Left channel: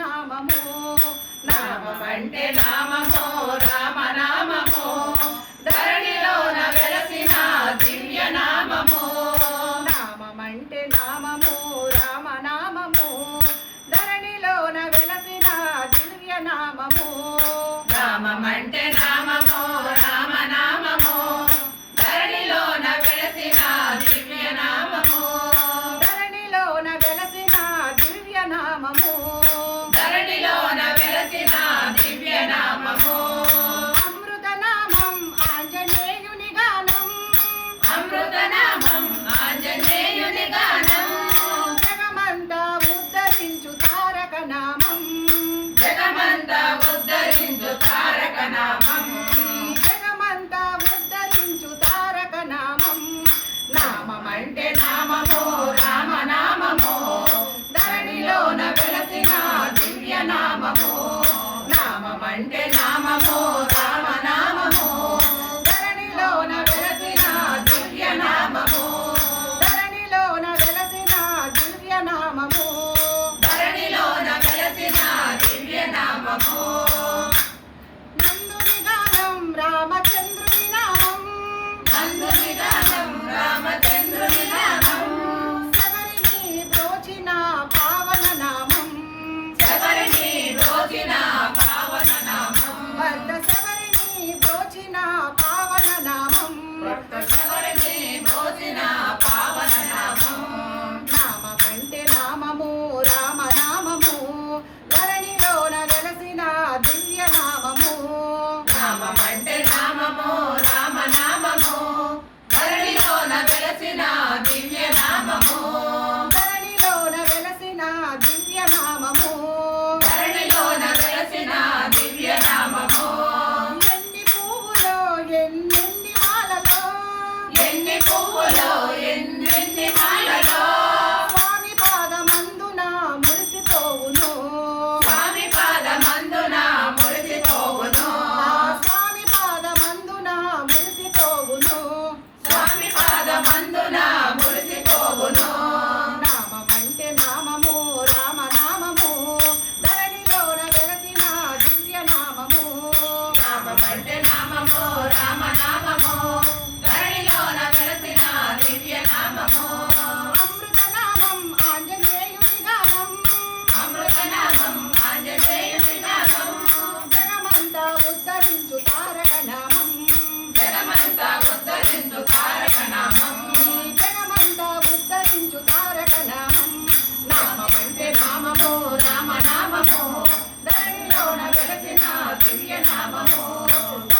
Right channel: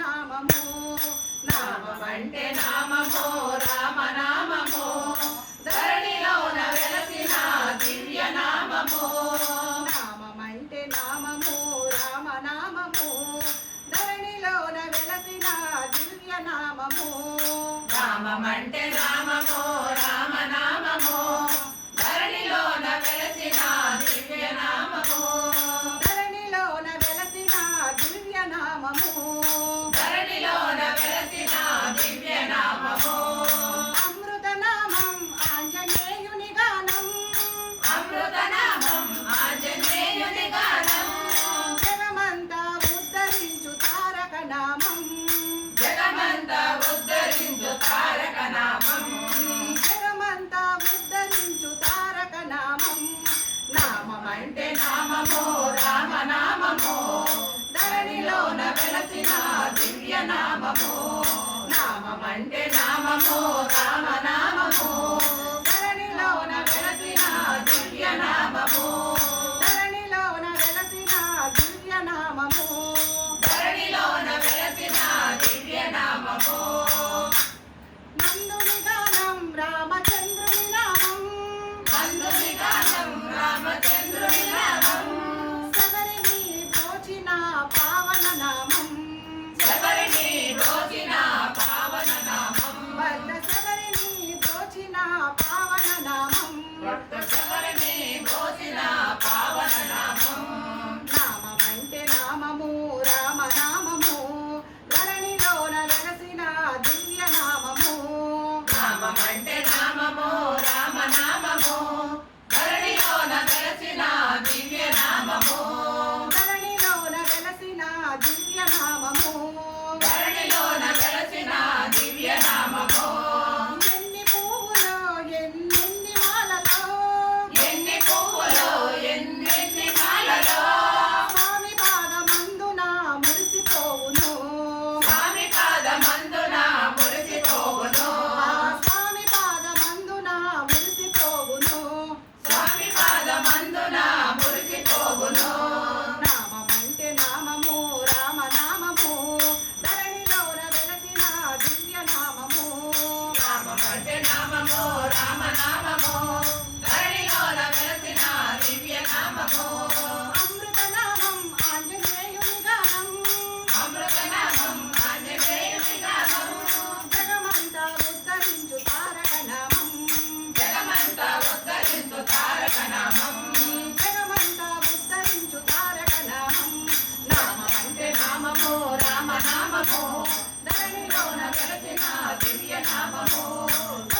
నామము. నామమంటే నామము రామనామము. ధరణిలోన వెలసిన దివ్య నామము. నామమంటే నామము రామనామము. ధరణిలోన వెలసిన దివ్య నామము. నామమంటే నామ నామం జగమంతా ఉద్ధరించు తారక నామం జగమంతా ఉద్ధరించు తారక నామం నామమంటే నామము రామనామమో. ధరణిలోన వెలసిన దివ్య నామమో నామమంటే నామమో కృష్ణమరణి మోసిన పావన నామము నామమంటే నామము రామ నామము ధరణిలోన వెలసిన దివ్య నామము నామమంటే నామము రామ నామము ధరణిలోన వెలసిన దివ్య నామము ధరణిలోన వెలసిన దివ్య నామము ధరణిలోన వెలసిన దివ్య నామము 春天那么好。